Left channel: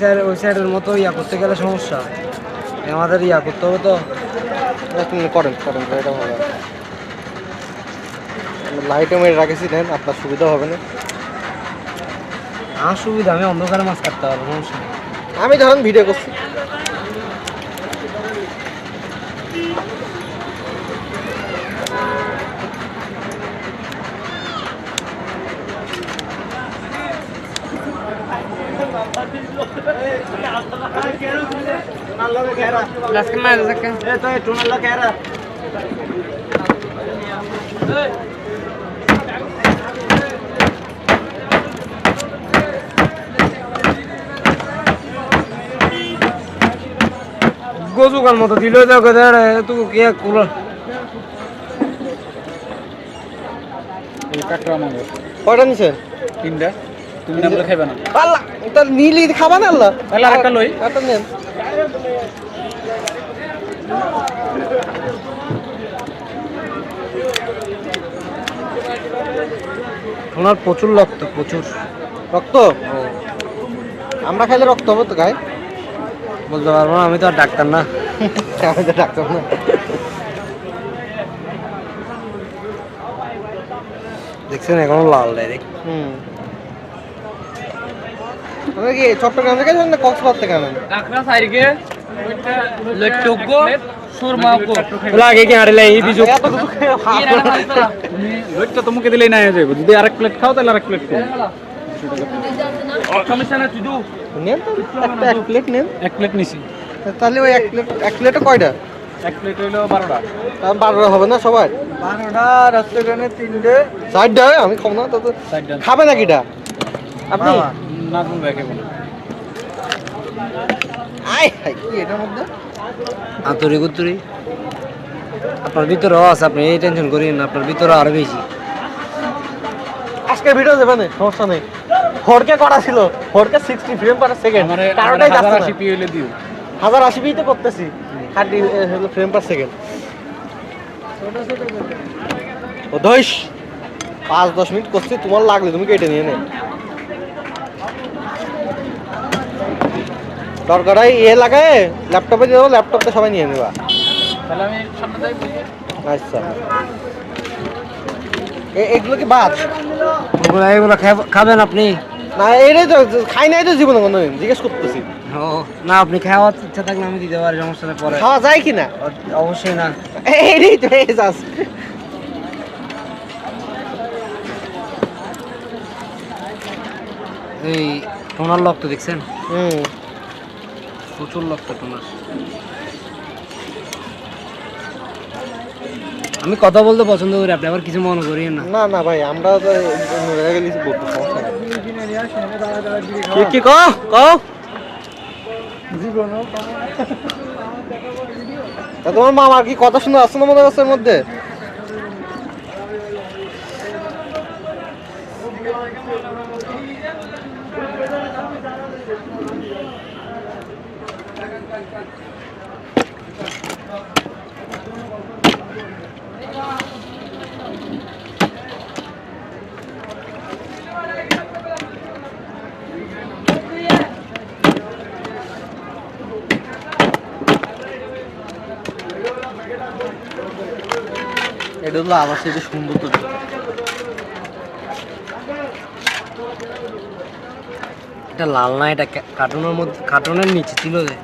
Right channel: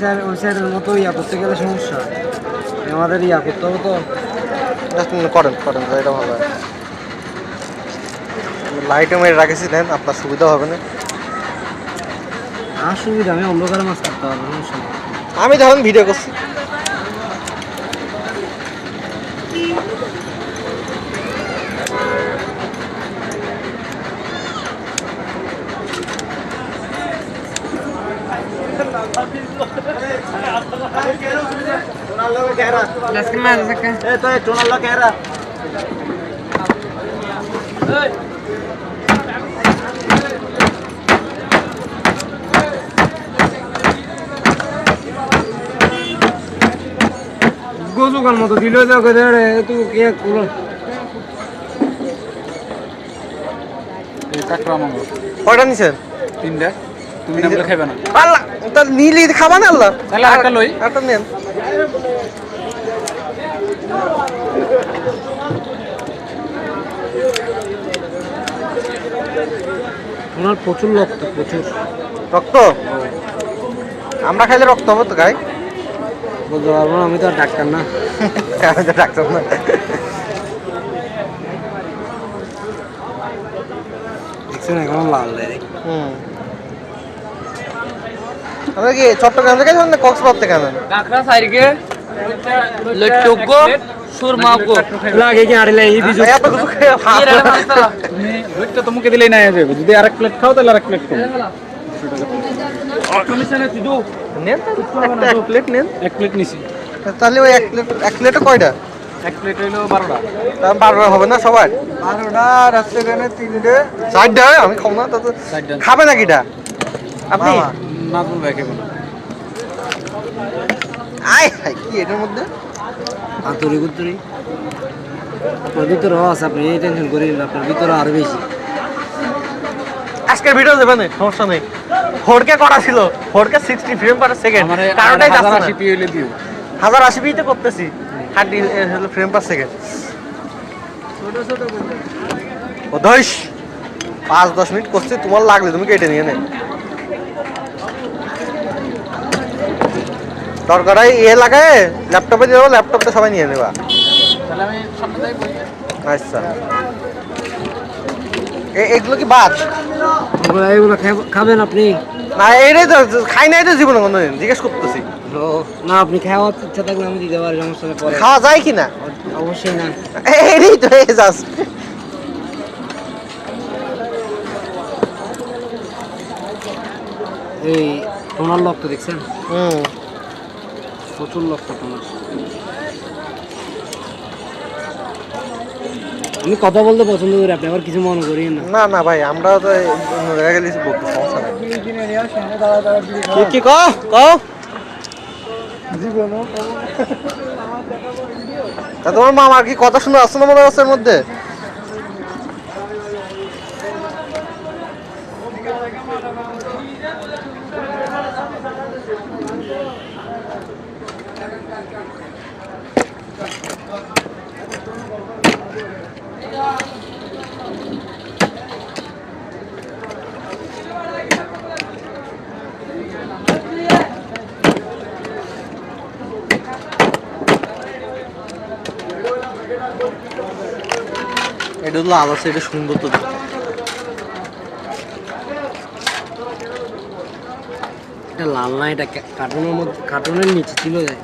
Sir ওই স্যারের মতো ইয়া করতে গেলে সমস্যা। আমাদের ইয়া করতে হবে তো। করেন করেন এটা ভালো লাইটে মেরে রাখেছি দেন আপনার সুবিধা হবে না। আমার সুবিধা আমি অন্ধকারে মাছ কাটতে পারব আমি ধরেন ভিডিও করছি আজকে মাছ আছে কা? গোজুকার মতো দিলে যাও কে দেড় তুই কি কুলো এই কাটরা মঙ্গল। কয়টা নিছেন? তিনটা। তুমি না বলে খাইবে না। আল্লাহ তা নীলি খাবা না আল্লাহ? তাহলে আরেকটা লই। একটা নেন। ওনার প্রচুর রক্ত প্রচুর। রক্ত? আমরা খাইলে রক্ত হবে তো গায়ে বুঝতে পারব আমি তো আর ডাক্তার না। আমি তো ডাক্তার না। দেখছেন এখন লাল দেয়। হুম। আমরা কি চট্টগ্রাম থেকে আনেন না কক্সবাজার থেকে আনেন কাকড়া সাইরকে লট্টুকো সুরমাকো লাগে কি আড়লে এই বিজু। এত কিছু তুমি লটটা তো দিলেই না যাবে যদি আরেক প্লেট খাও তাহলে আরেক প্লেট খাও। নেন একটা এক প্লেট নেন। এক প্লেট নিছি। তাহলে ওই এক প্লেট এক প্লেটে কয়টা? এক প্লেট হইল বারোটা। তার বারোটা হবে না সবার? বারোটা তিনটে। চারটা? আমি খাব না তো খাবে নাকি এটা? আপনি। নাজমুল ভাই খাইবো না আয় হায় কি এটার মধ্যে? আতরি কুতুরি আপনার ভিতরে আছে আপনি এই টেনশন করিন আপনার ভিতরে আরও বেশি। আজকের ভিডিও দেবেন সমস্যা নেই। ফোরকে করা ছিল four K sixty frame per second হাজার যাচ্ছে আশি না পি হইলে দিও। হাজার আশি পিতে করতেছি হার্ডি ফ্রেম পার সেকেন্ড ও দশ পাঁচ দশ মিনিট করছি তোমার লাগলে তুমি কেটে নিয়ে নে। দরকার হয় ইয়ে লাগায় ল্যাপটপে দিয়ে দেবো ল্যাপটপটা সবাই নিয়ে নেবা। তাহলে আমি সামনে আচ্ছা। এ- এগুলো কি বাদ? এগুলো খাবেন আপনি? না এটাই তো খাই নাই তো জীবনে কোনোদিন জিজ্ঞেস করতেছি। না আপনি খাওয়ার ইচ্ছা থাকলে আমি দিতে পারি সমস্যা নেই খাওয়া যায় কি না? অবশ্যই না। এটাই তো এজাজ এই টোনার লক তো দেখছেন? হুম। প্রচুর লক টোনার আমি কথা বলতে পছন্দ করি আপনি আবার কিছু মনে করিয়েন না। না না ভাই আমরা তো অন্য জায়গায় গেলেছি বলতে সমস্যা নেই। কি- কি তা তোমার মামার কি কথা শুনে আসছো না মনে হচ্ছে এর মধ্যে? এটা হলো আলাদা এটা সুন্দর তো এটা লাল না, এটা কার্টুনের মধ্যে কার্টুনের নিচে ছিল যে